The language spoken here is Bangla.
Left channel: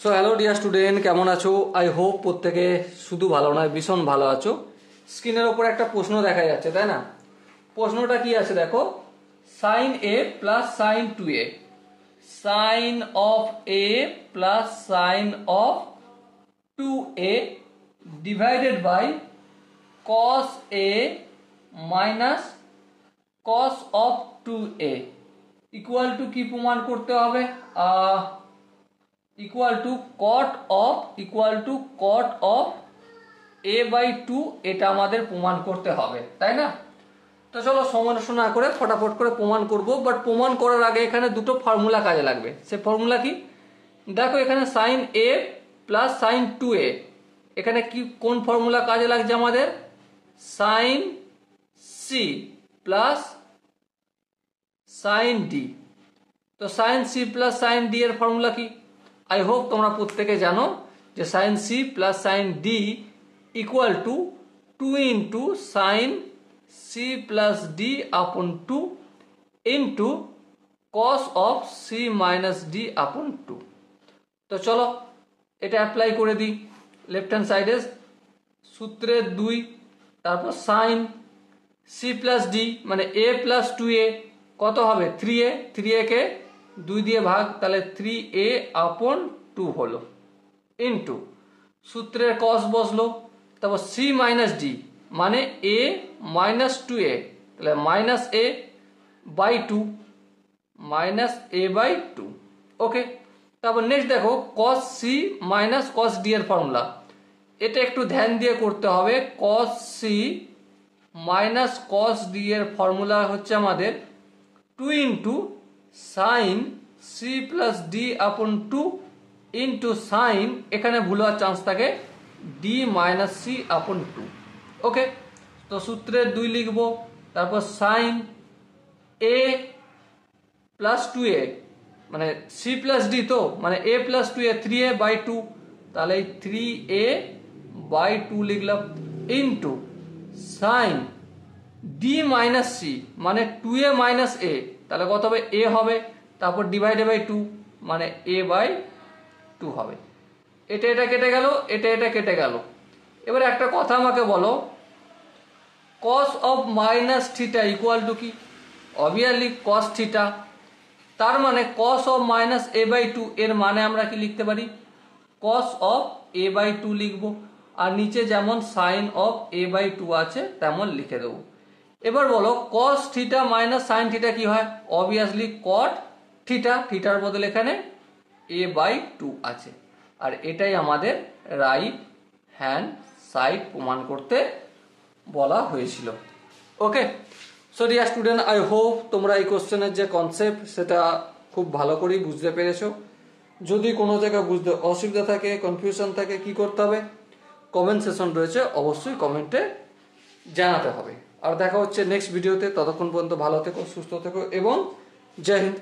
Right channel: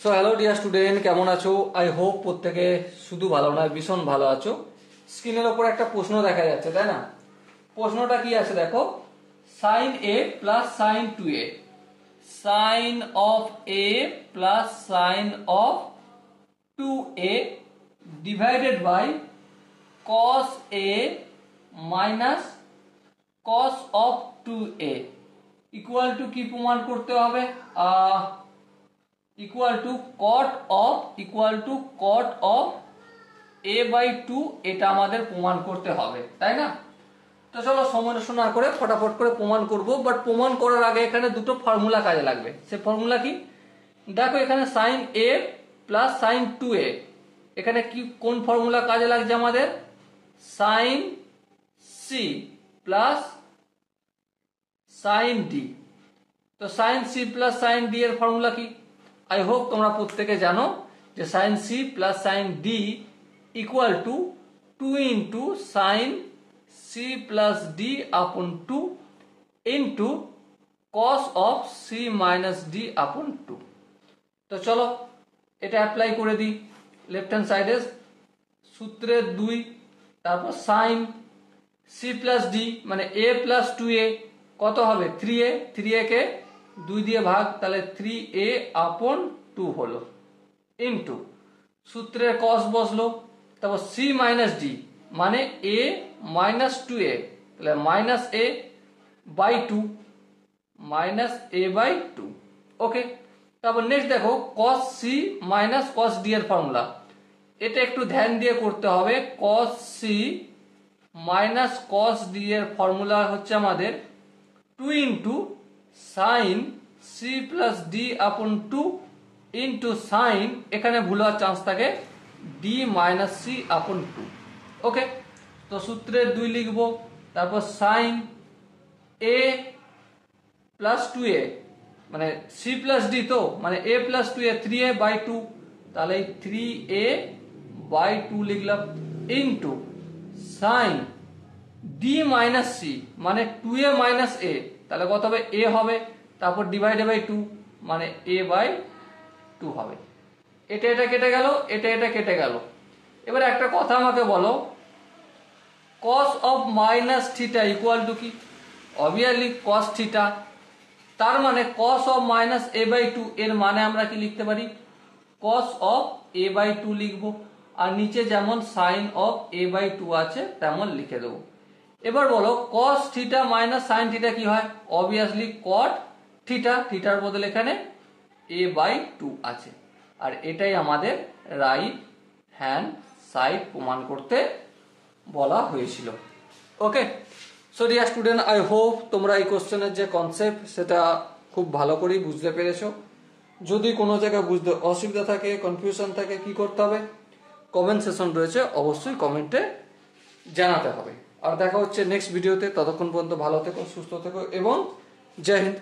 সো হ্যালো ডিয়ার স্টুডেন্ট, কেমন আছো? আই হোপ প্রত্যেকে শুধু ভালো নয় ভীষণ ভালো আছো। স্ক্রিনের ওপর একটা প্রশ্ন দেখা যাচ্ছে, তাই না? প্রশ্নটা কি আছে দেখো, sine a plus sine 2a, sine of a plus sine of 2a divided by cos a minus cos of 2a equal to কি প্রমাণ করতে হবে? Equal to cot of a by 2, এটা আমাদের প্রমাণ করতে হবে, তাই না? তো চলো সমস্যা না করে ফটাফট করে প্রমাণ করব। বাট প্রমাণ করার আগে এখানে দুটো ফর্মুলা কাজে লাগবে। সে ফর্মুলা কি? দেখো এখানে sign a plus sine 2a, এখানে কি কোন ফর্মুলা কাজে লাগছে আমাদের? Sine C plus sine d. তো sine C plus sine d এর ফর্মুলা কি? আই হোপ তোমরা প্রত্যেকে জানো যে sine C plus sine d equal to 2 into sine C plus D upon 2 into cos of c minus d upon 2। তো চলো এটা অ্যাপ্লাই করে দিই লেফট হ্যান্ড সাইডে। সূত্রের 2, তারপর সাইন সি প্লাস ডি মানে এ প্লাস 2a কত হবে? 3a, 3a কে 2 দিয়ে ভাগ, তাহলে 3a আপন 2 হলো, ইন্টু সূত্রের কস বসলো, তারপর সি মাইনাস ডি মানে a মাইনাস 2a, তাহলে minus a by 2, minus a by 2। Okay, তারপর নেক্সট দেখো cos C minus cos D এর ফর্মুলা। এটা একটু ধ্যান দিয়ে করতে হবে। Cos C minus cos D এর ফর্মুলা হচ্ছে আমাদের 2 into sine C plus D upon 2 into sign, এখানে ভুল হওয়ার চান্স থাকে, ডি মাইনাস সি আপন 2। ওকে, তো সূত্রের 2 লিখবো, তারপর সাইন এ প্লাস 2a মানে সি প্লাস ডি, তো মানে এ প্লাস 2a 3a বাই 2, তাহলে 3a বাই 2 লিখলাম, into sine D minus C মানে 2a মাইনাস a, তাহলে কত হবে? a হবে, তারপর ডিভাইডেড বাই 2 মানে a বাই 2 হবে। এটা কেটে গেল, এটা কেটে গেল। এবার একটা কথা আমাকে বলো, cos of minus theta equal to কি? Obviously cos theta. তার মানে cos of minus a by 2 এর মানে আমরা কি লিখতে পারি? cos অফ a বাই 2 লিখবো, আর নিচে যেমন সাইন অফ a বাই 2 আছে তেমন লিখে দেবো। এবার বলো cos theta minus sine theta কি হয়? অবভিয়াসলি cot থিটা, থিটার বদলে এখানে a বাই 2 আছে, আর এটাই আমাদের রাইট হ্যান্ড সাইড প্রমাণ করতে বলা হয়েছিল। Okay, so dear student, I hope তোমরা এই কোশ্চেনের যে কনসেপ্ট সেটা খুব ভালো করেই বুঝতে পেরেছো। যদি কোনো জায়গায় বুঝতে অসুবিধা থাকে, কনফিউশন থাকে, কি করতে হবে? কমেন্ট সেশন রয়েছে, অবশ্যই কমেন্টে জানাতে হবে। আর দেখা হচ্ছে নেক্সট ভিডিওতে। ততক্ষণ পর্যন্ত ভালো থেকো, সুস্থ থেকো এবং জয় হিন্দ।